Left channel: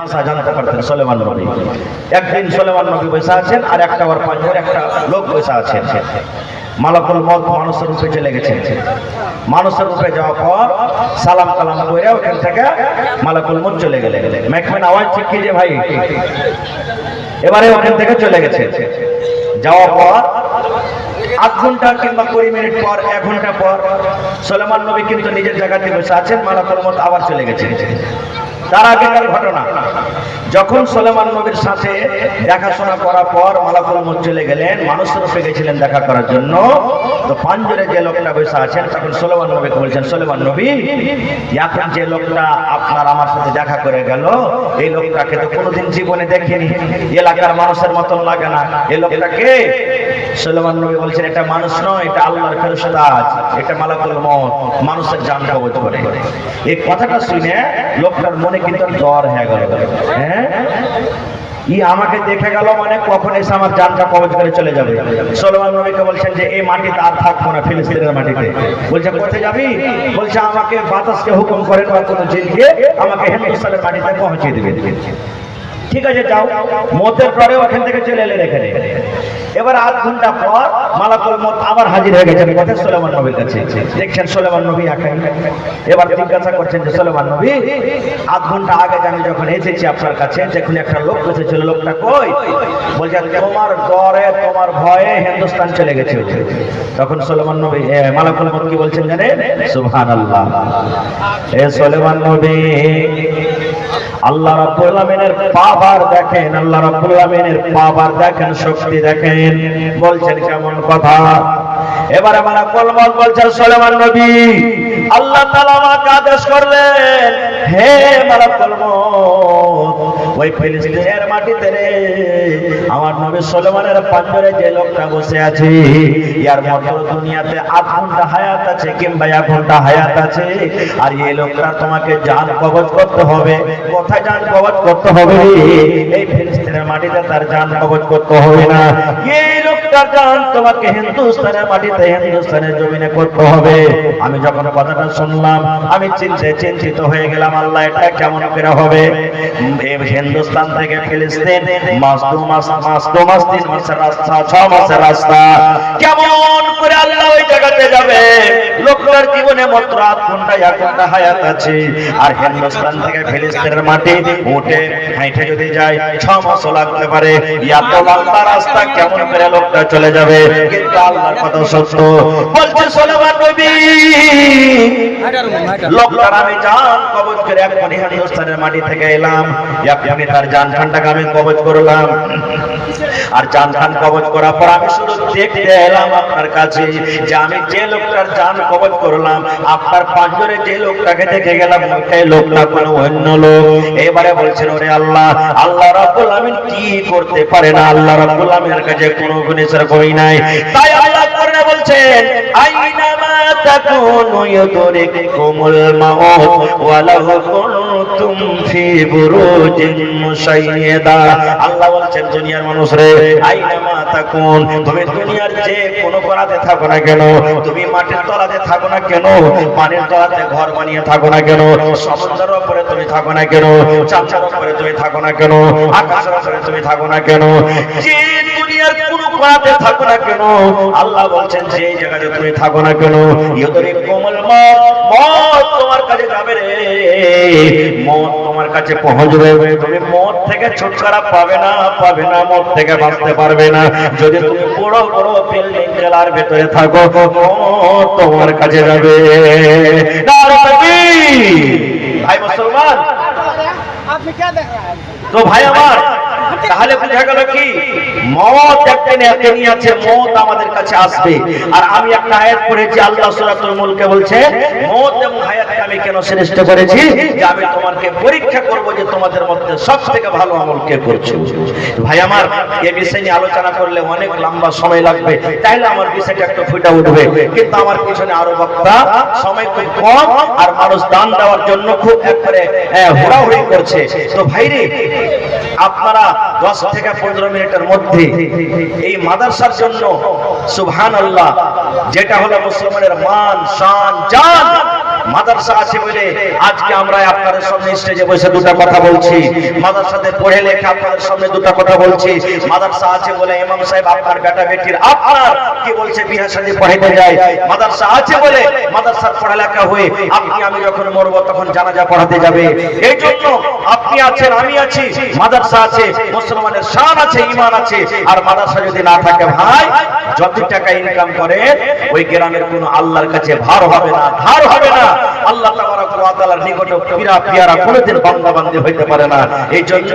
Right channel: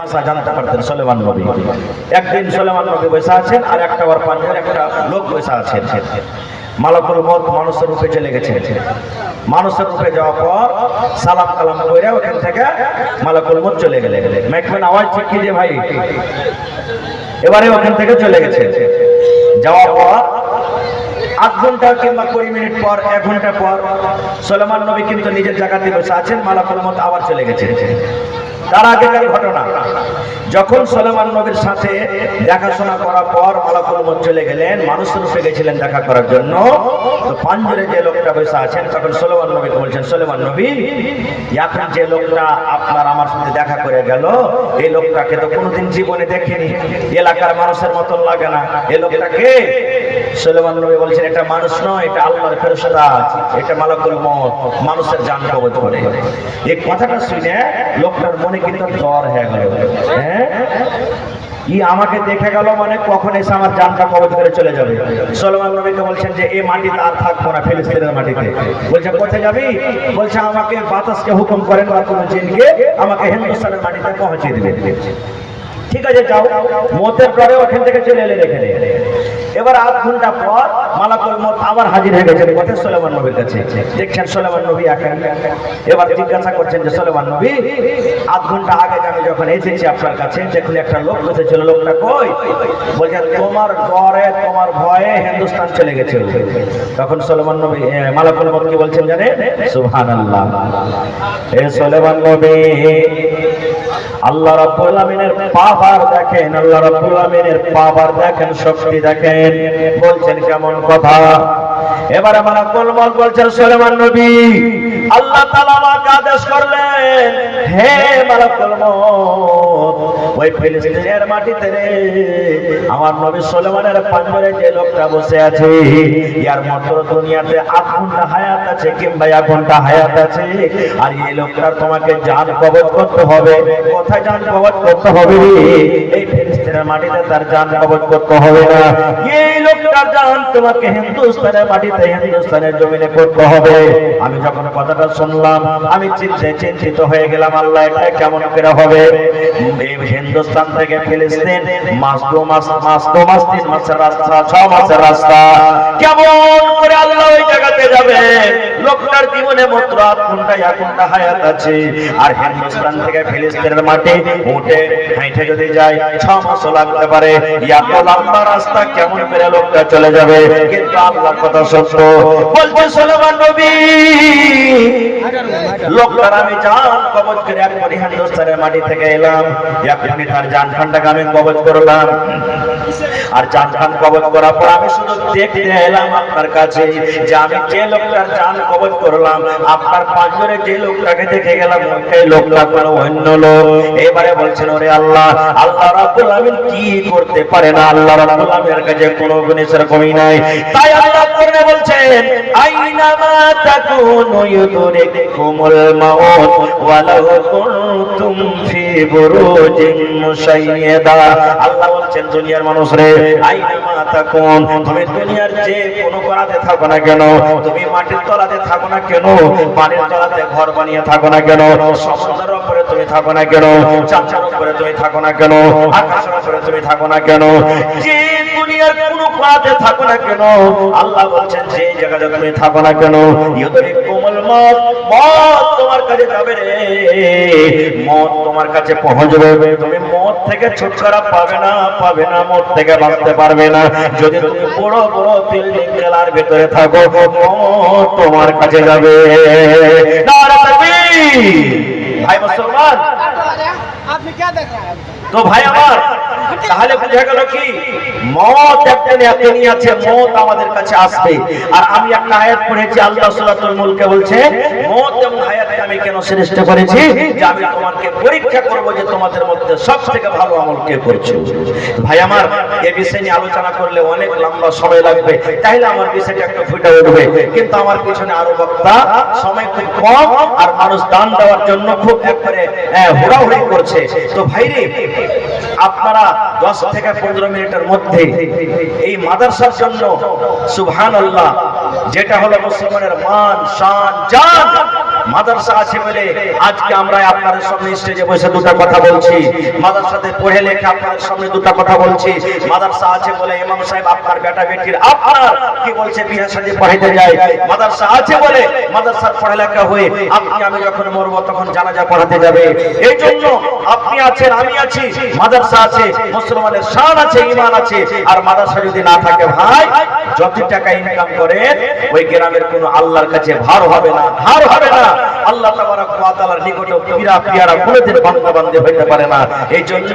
ভাষা জানতে পারতেন সুলাইমান নবী। একদিন সুলাইমান নবী বসে আছেন আর একটা ওর পাশের একটা লোক বসে আছেন। মালাকুল মউত মানুষের রূপে চলে গেছে। মানুষের রূপে যাওয়ার পর সালাম কালাম করে ওখান থেকে মালাকুল মউত চলে গেলেন। মেকমান আওয়াজ ঠিক কি যে ভাই, এবারে ওখান থেকে চলে গেছে। যাওয়ার পর আধ ঘন্টা কিংবা 20 মিনিট পর 1 ঘন্টা পর সুলাইমান নবী কিন্তু নিজের জায়গাতে বসে আছেন, মালাকুল মউত আবার চলে গেছে। তার আগেকার ঘটনা, যখন সুলাইমান নবীর সাথে দেখাশোনা করার পর মালাকুল মউত চলে গেলেন, মানুষের রূপে গেছিলেন দেখা করার জন্য, তো পাঞ্জরে যে লোকটা বসে আছেন তখন সুলাইমান নবীকে বলছেন, সুলাইমান নবী, এখন যে লোকটা আপনার আমার সাথে দেখা করে গেল, এই লোকটাকে তো কোনোদিন জীবনে দেখিনি, এলাকার মানুষের মতন লাগে না, এই লোকটা কে? সুলাইমান নবী বলছেন, এটা মানুষ নয়, এটা আল্লাহর ফেরেশতা, এটা মালাকুল মউত, মানুষের জান কবজ করে। এই কথাটা শুনে লোকটার মনে কিন্তু জ্বর হয়ে গেল। হ্যাঁ, ই আমাকে দেখে গেল মানে কখন এসে আমার জানটা কবজ করে চলে যাবে। সুলাইমান নবীকে বলছেন যে এই মাটিতে আর থাকবো না, ফিলিস্তিনের মাটিতে। বলছে কোথায় যাবি? বলছে আমাকে বাতাসকে হুকুম করেন বা কোনো জিনকে আমাকে হিন্দুস্তানের মাটিতে পৌঁছে দিবে। ঠিক আছে যাও। মতের পরে ওখান থেকে চলে এলেন এখানে। এবার আধ ঘন্টা পর মালাকুল মউত আবার হাজির হয়ে গেছেন কোথায়? সুলাইমান নবীর কাছে। দেখছেন সুলাইমান নবী এখন। এবার জিজ্ঞাসা করছেন যে সুলাইমান নবী, আধ ঘন্টা আগে আমি যখন এসেছি আপনার কাছে, যখন একটা লোক বসেছিল, লোকটা কই? বলছে তোমার ডরে তোমার ভয়ে হিন্দুস্তান চলে গেছে। তখন সুলাইমান নবী মালাকুল মউত কি বলছেন জানেন? সুবহানাল্লাহ। এ সুলাইমান নবী, আল্লাহ রাব্বুল আলামিনের পাওয়ার দেখেন, আল্লাহ রাব্বুল আলামিনের পাওয়ার দেখেন, শক্তি দেখেন। বলছেন কেমন কথা? এবারে মালাকুল মউত বলছেন, সুলাইমান নবী, আল্লাহ তাআলা আমাকে আদেশ করলেন, হে মালাকুল মউত, ওই ফিলিস্তিনের মাটিতে রে আমার নবী সুলাইমানের পাঞ্জরে যে লোকটা বসে আছে, ইয়ার মাত্র দুনিয়াতে 8 ঘন্টা হায়াত আছে কিংবা 1 ঘন্টা হায়াত আছে, আর এই লোকটার তোমাকে জান কবজ করতে হবে। কোথায় জান কবজ করতে হবে? এই ফিলিস্তিনের মাটিতে তার জান কবজ করতে হবে না, এই লোকটার জান তোমাকে হিন্দুস্তানের মাটিতে, হিন্দুস্তানের জমিনে করতে হবে। আমি যখন কথাটা শুনলাম আমি চিন্তিত হয়ে গেলাম, আল্লাহ এটা কেমন করে হবে? হিন্দুস্তান থেকে ফিলিস্তিন মাস 3 মাসের রাস্তা, 6 মাসের রাস্তা, কেমন করে আল্লাহ ওই জায়গাতে যাবে? লোকটার জীবনে মাত্র 8 ঘন্টা 1 ঘন্টা হায়াত আছে, আর হিন্দুস্তান থেকে ফিলিস্তিনের মাটি উঠে হাইটে যদি যায় 6 মাস লাগতে পারে। এত লম্বা রাস্তা কেমন করে লোকটা চলে যাবে? কিন্তু আল্লাহর কথা সত্য। বলছে সুলাইমান নবী, লোকটার আমি জান কবজ করে এখনই হিন্দুস্তানের মাটি থেকে এলাম, এখনই তার জান খানটাকে আমি কবজ করলাম। আর জান খান কবজ করার পর আমি শুধু দেখতে এলাম আপনার কাছে যে আমি যে লোকটার জান কবজ করলাম, আপনার পাঁজরে যে লোকটাকে দেখে গেলাম, ওই লোকটা কোনো অন্য লোক। এবারে বলছেন, ওরে আল্লাহ, আল্লাহ রাব্বুল আমিন কি করতে পারে না? আল্লাহ রাব্বুল আমিনের কাছে কোনো জিনিসের কমি নাই। তাই আল্লাহ কোরআনে বলছেন, আইনামা তাকুনু ইউদরিকুমুল মাউত ওয়ালাউ কুনতুম ফি বুরুজিন মুশাইয়াদা। আল্লাহ বলছেন, দুনিয়ার মানুষ রে, আইনামা তাকুন, তুমি দুনিয়ার যে কোনো কোণাতে থাকো না কেন, তুমি মাটির তলাতে থাকো না কেন, পানির তলাতে ঘর বানিয়ে থাকো না কেন, সমুদ্রের উপরে তুমি থাকো না কেন, চাঁদের উপরে তুমি থাকো না কেন, আকাশের উপরে তুমি থাকো না কেন, যে দুনিয়ার কোনো কোণাতে থাকো না কেন, আল্লাহ বলছেন যে জায়গাতে তুমি থাকো না কেন, ইউদরিকুমুল মউত, মউত তোমার কাছে যাবে রে, মউত তোমার কাছে পৌঁছবে। তুমি মউত থেকে ছুটকারা পাবে না, পাবে না, মউত থেকে বাঁচতে পারবে না। যদি তুমি বড় বড় বিল্ডিং জেলার ভেতরে থাকো, মউত তোমার কাছে যাবে। নারে তাকবীর! ভাই মুসলমান, আপনি কি দেখান? তো ভাই আমার, তাহলে বুঝা গেল কি মওত একদিন এখনই আছে, মওত আমাদের কাছে আসবে। আর আমি একটা আয়াত পড়েছি, আল্লাহ সূরাতুল মুলকে বলছে, মওত এবং হায়াতকে আমি কেন সৃষ্টি করেছি? যে আমি তোমাকে পরীক্ষা করব যে তোমাদের মধ্যে সবথেকে ভালো আমল কে করছে। ভাই আমার, এই বিষয় নিয়ে আলোচনা করলে অনেক লম্বা সময় লাগবে, তাইলে আমার বিষয়টা একটু ফুটে উঠবে, কিন্তু আমার পিছনে আরো বক্তা, সময় খুব কম, আর মানুষ দান দেওয়ার জন্য খুব একবারে হুড়াহুড়ি করছে। তো ভাইরে, আপনারা 10 থেকে 15 মিনিটের মধ্যে এই মাদ্রাসার জন্য সুবহানাল্লাহ, যেটা হলো মুসলমানের মান, শান, জান, মাদ্রাসা আছে বলে আজকে আমরা আপনাদের সামনে স্টেজে বসে দুটো কথা বলছি। মাদ্রাসাতে পড়ে লেখা আপনাদের সামনে দুটো কথা বলছি। মাদ্রাসা আছে বলে ইমাম সাহেব আপনার বেটা বেটির আপনার কি বলছে বিয়ে শাদী পড়াইতে যায়। মাদ্রাসা আছে বলে মাদ্রাসার পড়ালেখা হয়ে আপনি আমি যখন মরবো তখন জানাজা পড়াতে যাবে। এই জন্য আপনি আছেন, আমি আছি, মাদ্রাসা আছে, মুসলমানের শান আছে, ঈমান আছে। আর মাদ্রাসা যদি না থাকে ভাই, যত টাকা ইনকাম করেন ওই গ্রামের কোনো আল্লাহর কাছে ভার হবে না, ধার হবে না। আল্লাহ তাবারক ওয়া তাআলার নিকটে পিরা পিয়ারা কোনদিন বান্দা বান্দী হইতে পারে না। এই জন্য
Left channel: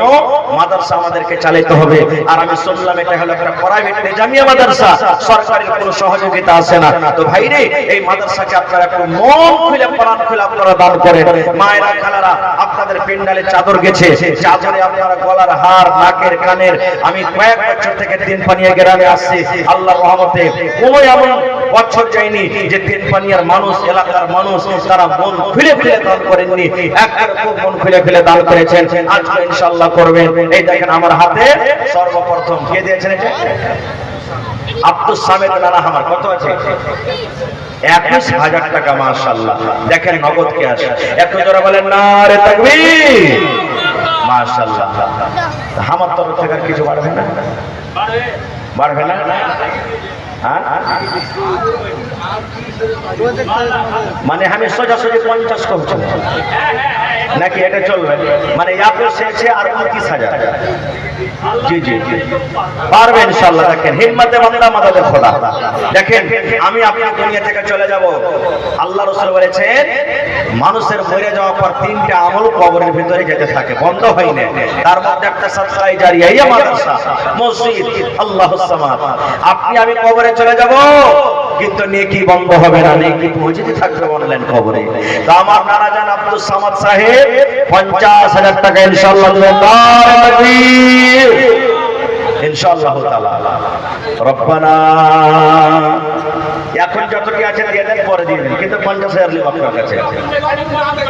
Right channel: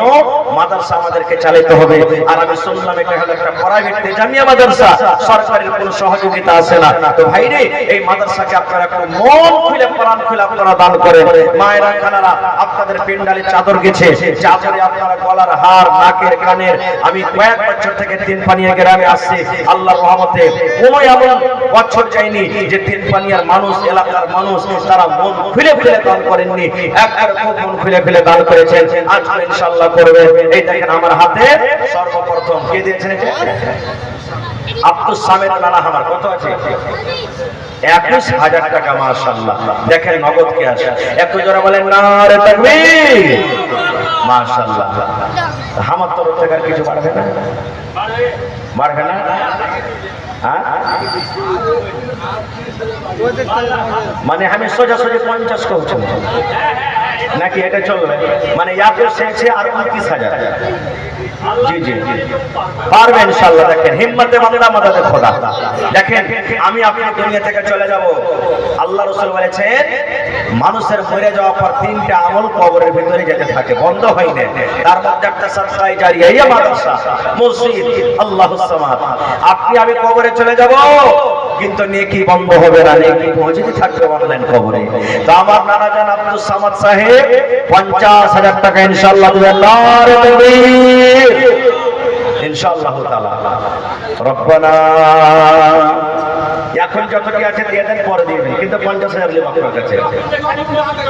মাদ্রাসা আমাদেরকে চালাতে হবে। আর আমি শুনলাম এটা হলো একটা প্রাইভেট জামিয়া মাদ্রাসা, সরকারের কোনো সহযোগিতা আছে না। তো ভাই রে, এই মাদ্রাসাকে আপনারা একটু মন খুলে প্রাণ খুলে আপনারা দান করেন। মায়েরা খালারা আপনাদের পেন্ডালে চাদর গেছে, চাদরে আপনারা গলার হার, নাকের কানের। আমি কয়েক বছর থেকে তিনপানিয়া গ্রামে আসছি, আল্লাহর রহমতে কোনো এমন বছর যায়নি যে তিনপানিয়ার মানুষ, এলাকার মানুষ তারা মন খুলে খুলে দান করেননি। একবার খুব মন খুলে খুলে দান করেছেন, আজকে ইনশাআল্লাহ করবেন। এই দেখেন আমার হাতে সর্বপ্রথম কে দিয়েছেন, আব্দুল সামেদ নানা আমার কত আছে 21,000 টাকা। মাশাআল্লাহ, দেখেন নগদ কে আছে। এত জোরে বলেন নারে তাকবীর। মাশাআল্লাহ, আমার তরফ থেকে আর কিছু বাড়বে না, বাড়বে না। মানে আমি সোজাসুজি 50 করছি নাকি এটা চলবে? মানে এত শেষে আর 29,000। জি জি পারবে ইনশাআল্লাহ। দেখেন হিম্মতে বান্দা মাদাদে খোদা। দেখেন আমি আপনি দুনিয়া থেকে চলে যাব, আল্লাহ রাসূল বলেছেন মানুষের মরে যাওয়ার পর 3টা আমল কবরের ভিতরে যেতে থাকে, বন্ধ হয় না। তার মধ্যে একটা সাদকায়ে জারিয়া, এই মাদ্রাসা, মসজিদ, আল্লাহুস সামাদ। আপনি আমি কবরে চলে যাব কিন্তু নেকি বন্ধ হবে না, নেকি পৌঁছতে থাকবে অনলাইন কবরে। তো আমার নানা জান আব্দুল সামাদ সাহেব 50,000 টাকা ইনশাআল্লাহ দিবেন। নারে তাকবীর ইনশাআল্লাহ তাআলা। রব্বানা এখন যতটি আছে দিয়ে দেন, পরে দিবেন, কিন্তু 50,000 লিব আপনার কাছে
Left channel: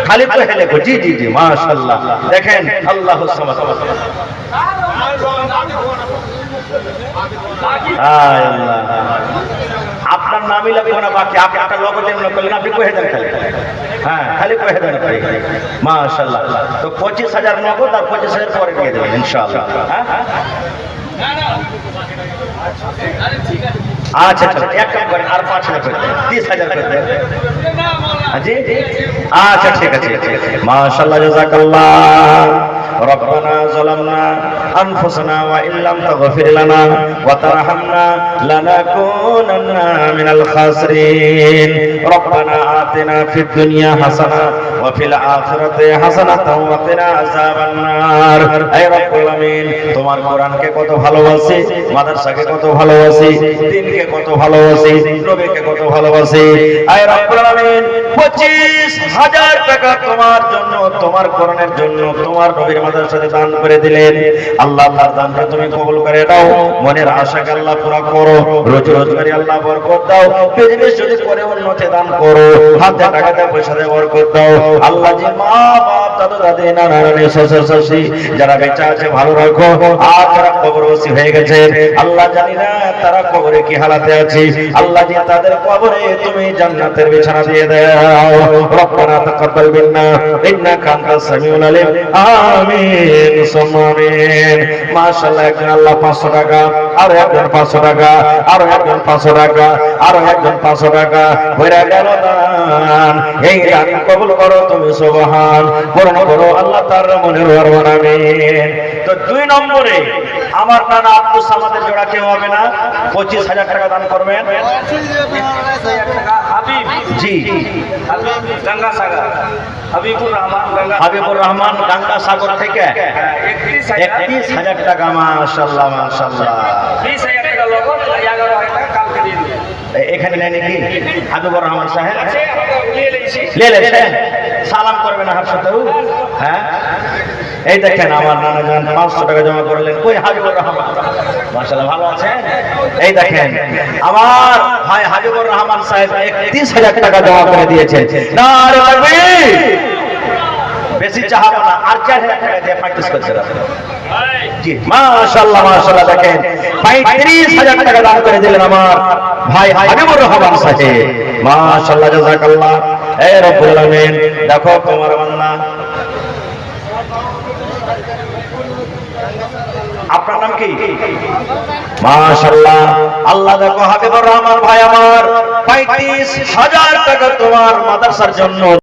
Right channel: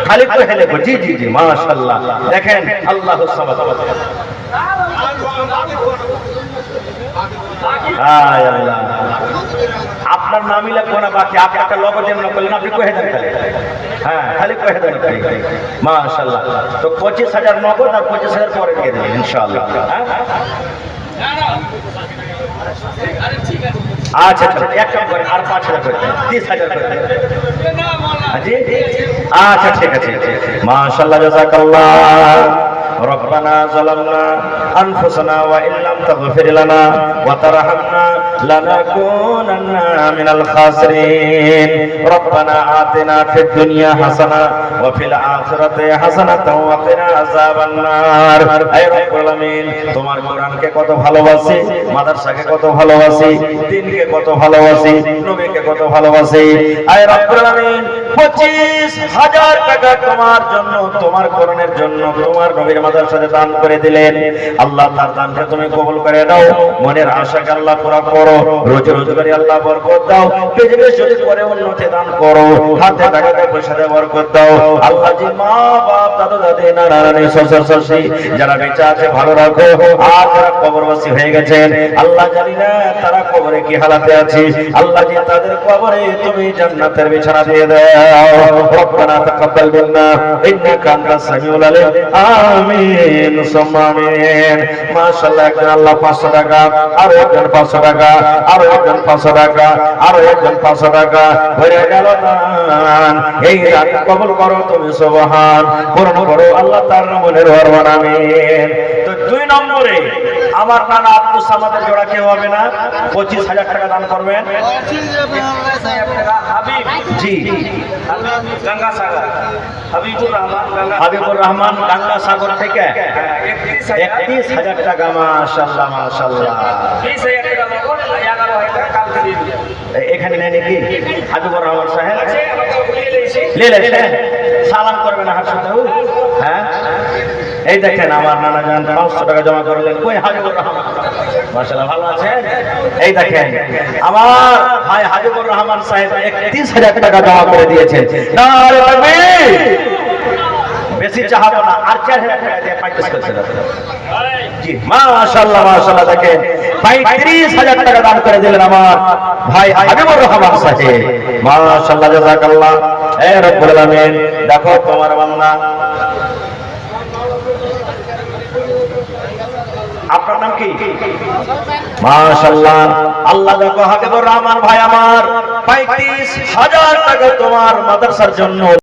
খালি তো হেলে। জি জি জি মাশাআল্লাহ। দেখেন আল্লাহুস সামাদ। আয় আল্লাহ, আপনার নামই লাগবে না, বাকি আপনি একটা লগো দিয়ে মনে করলেন, আপনি কহে দেন খালি। হ্যাঁ খালি কহে দেন আপনি। মাশাআল্লাহ। তো 25,000 নগদ আর 25,000 পরে দিয়ে দেবেন ইনশাআল্লাহ। আচ্ছা আচ্ছা, এক কাম করেন আর 5,000 করে দেন, 30,000 করে দেন। জি আচ্ছা ঠিক আছে। মাশাআল্লাহ, জাযাকাল্লাহ। ربنا ظلمنا أنفسنا وإن لم تغفر لنا وترحمنا لنكونن من الخاسرين ربنا آتنا في الدنيا حسنة وفي الآخرة حسنة وقنا عذاب النار। হে রব্বুল আমিন, তোমার কোরআনকে কত ভালোবাসি, মাদ্রাসাকে কত ভালোবাসি, দ্বীনকে কত ভালোবাসি, নবীকে কত ভালোবাসি। হে রব্বুল আমিন, 25,000 টাকা তোমার জন্য, তোমার কোরআনের জন্য, তোমার নবীর মাদ্রাসাতে দান করে দিলেন। আল্লাহ তার দানকে তুমি কবুল করে নাও, মনের আশাকে আল্লাহ পুরা করো, রোজি রোজগারে আল্লাহ বরকত দাও, বিজনেস যদি করে উন্নতি দান করো, হাতে টাকাতে পয়সাতে বরকত দাও। আল্লাহ জি মা বাপ দাদু দাদি নানা নানি শ্বশুর শাশুড়ি যারা বেঁচে আছে ভালো রাখো, আর যারা কবরবাসী হয়ে গেছে আল্লাহ জানি না তারা কবরে কি হালাতে আছে, আল্লাহ জি তাদের কবরে তুমি জান্নাতের বিছানা দিয়ে দাও। রব্বানা তাকাব্বাল মিন্না ইন্নাকা আনতাস সামিউল আলিম। আমিন সুম্মা আমিন। মাশাআল্লাহ, একজন আল্লাহ 500 টাকা, আরো একজন 500 টাকা, আরো একজন 500 টাকা, আরো একজন 500 টাকা হয়ে গেল দান। এই দান কবুল করো তুমি, সুবহান। পূর্ণ করো আল্লাহ তার মনের ভরমান। আমিন। তো 2 নম্বরে আমার নানা আব্দুল সামাদের জোড়া কেউ হবে না, 25,000 টাকা দান করবেন। জি গঙ্গা সাগর, হাবিবুর রহমান গঙ্গা সাগর থেকে 31,000 টাকা। মাশাআল্লাহ মাশাআল্লাহ। এখানে নেই নাকি হাবিবুর রহমান সাহেব? সালাম করবেন হার সাথে। হ্যাঁ এই দেখেন আমার নানা জান 500 টাকা জমা করলেন। কই হাবিবুর রহমান? মাশাআল্লাহ ভালো আছে। এই দেখেন আমার ভাই হাবিবুর রহমান সাহেব 31,000 টাকা জমা করে দিয়েছে। নারে তাকবীর। বেশি চাহাবো না, আর 4,000 টাকা দিয়ে 35 করতে হবে। জি মাশাআল্লাহ মাশাআল্লাহ। দেখেন 35,000 টাকা দান করে দিলেন আমার ভাই হাবিবুর রহমান সাহেব। মাশাআল্লাহ, জাযাকাল্লাহ। এ রব্বুল আলামিন দেখো তোমার বান্দা। আপনার নাম কি? মাশাআল্লাহ। আল্লাহ দেখো হাবিবুর রহমান ভাই আমার 35,000 টাকা তোমার মাদ্রাসার জন্য